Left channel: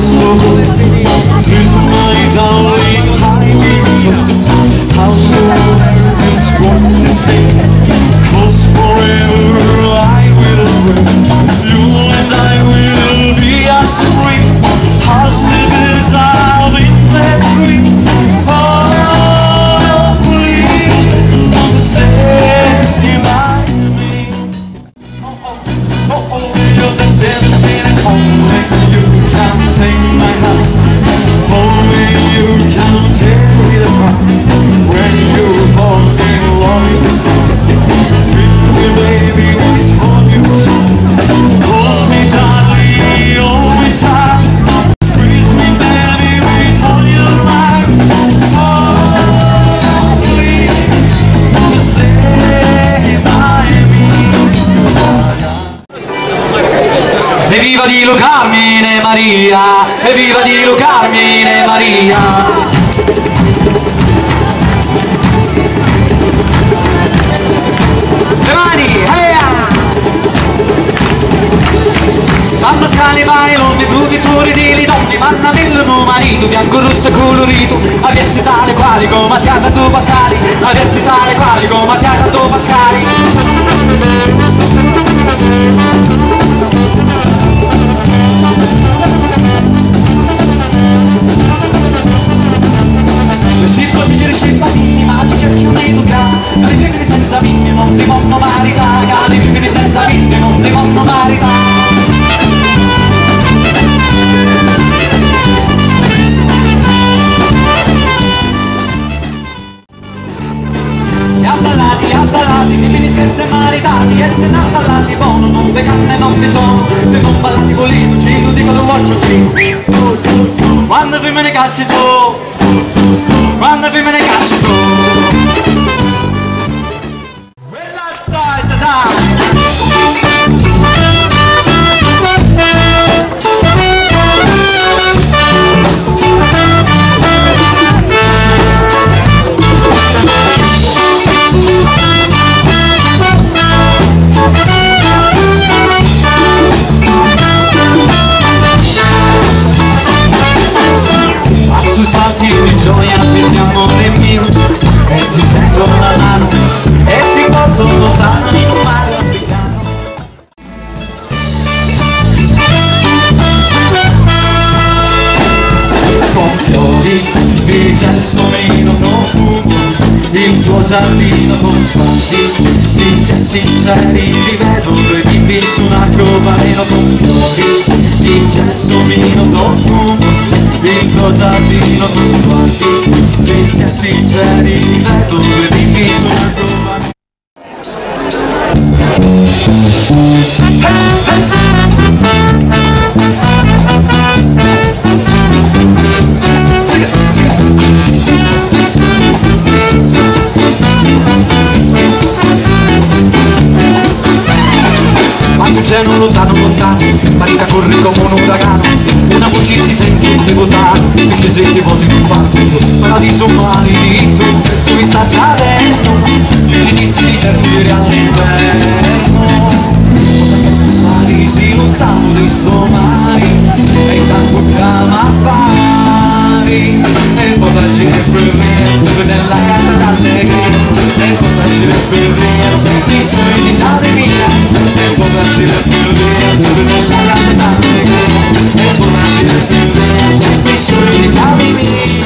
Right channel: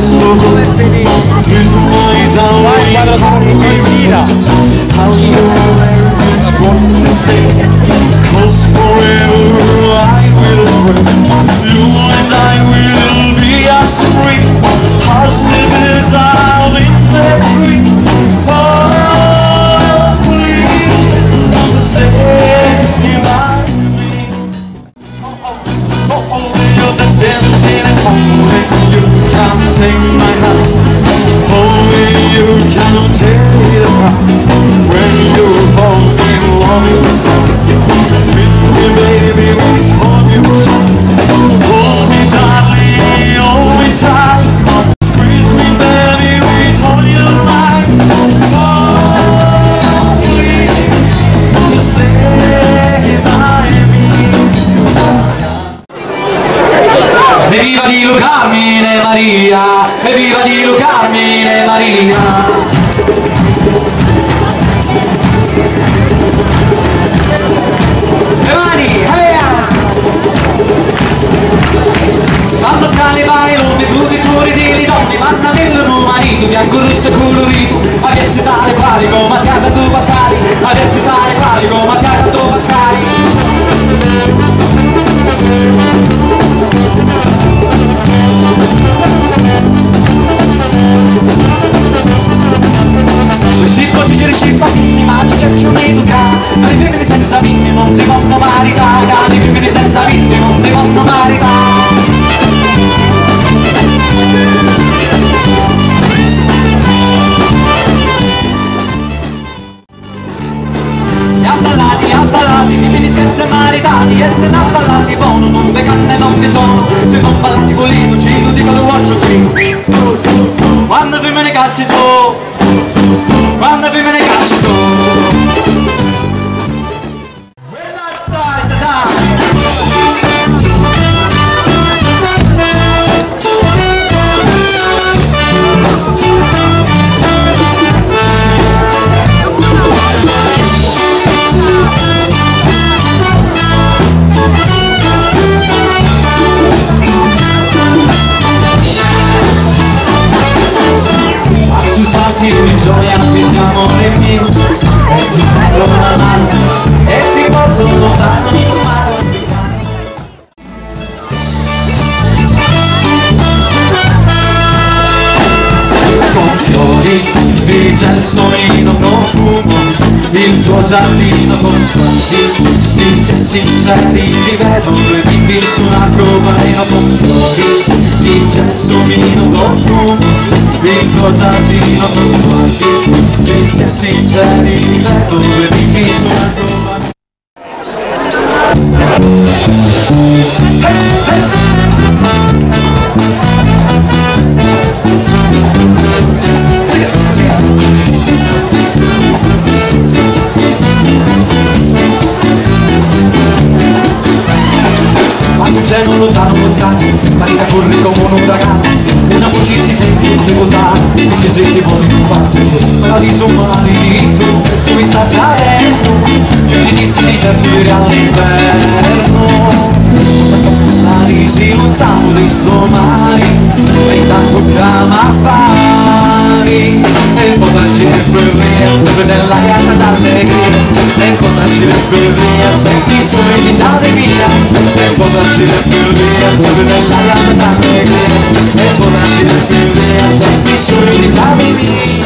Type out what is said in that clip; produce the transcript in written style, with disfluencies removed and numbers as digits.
impossible. This night I'll nowhere is what to say. 'Cause forever I will pray. You and I will be as free as the birds out in their trees. Oh, please stay by me. Oh, you're the same and only you can take my hand. Only you can take the crown. When you're born in loving song, it's me baby, it's all you shout. Hold me tightly, hold me tight. Squeeze me baby, with all your might. Oh, please stay by me. Evviva di Carmine Maria, evviva di Carmine Maria. Le mani, Sanno scali bailoni, fruditori di lidoni, mannamello marito, bianco rosso e colorito, avessi tale quali come Mattias a due Pascali, avessi tale quali come Mattias a due Pascali. Ma ci cerchi un'educa, le femmine senza vinne non si possono maritare, le femmine senza vinne non si possono maritare. E abballati, femmine sempre maritati, e se non abballati buono non ve canne non vi sono, se non ballati volito ci lo dico lo faccio sì. Quando femmine cacci su, quando femmine cacci su. Salti di gioia per l'amore mio, e ti prendo la mano e ti porto lontano in un mare africano. Con fiori di gelsomino profumo, il tuo giardino con sguardi di se sinceri, li vedo due bimbi su un arcobaleno. Con fiori di gelsomino profumo, il tuo giardino con sguardi di se sinceri, li vedo due bimbi su un arcobaleno. Quando cielo lontano lontano, Marita corre come un uragano, una voce si sente in te votare, perché se ti voti più fatti, paradiso maledetto, tu mi sta già dentro, io ti dissi di certo ieri all'inferno. Cosa stai scusare, sei lontano dai suoi mari, e intanto chiama affari, e poi per essere nella casa d'allegria, e poi per essere solo in Italia mia, e poi per essere nella casa d'allegria, e poi per essere solo in Italia mia.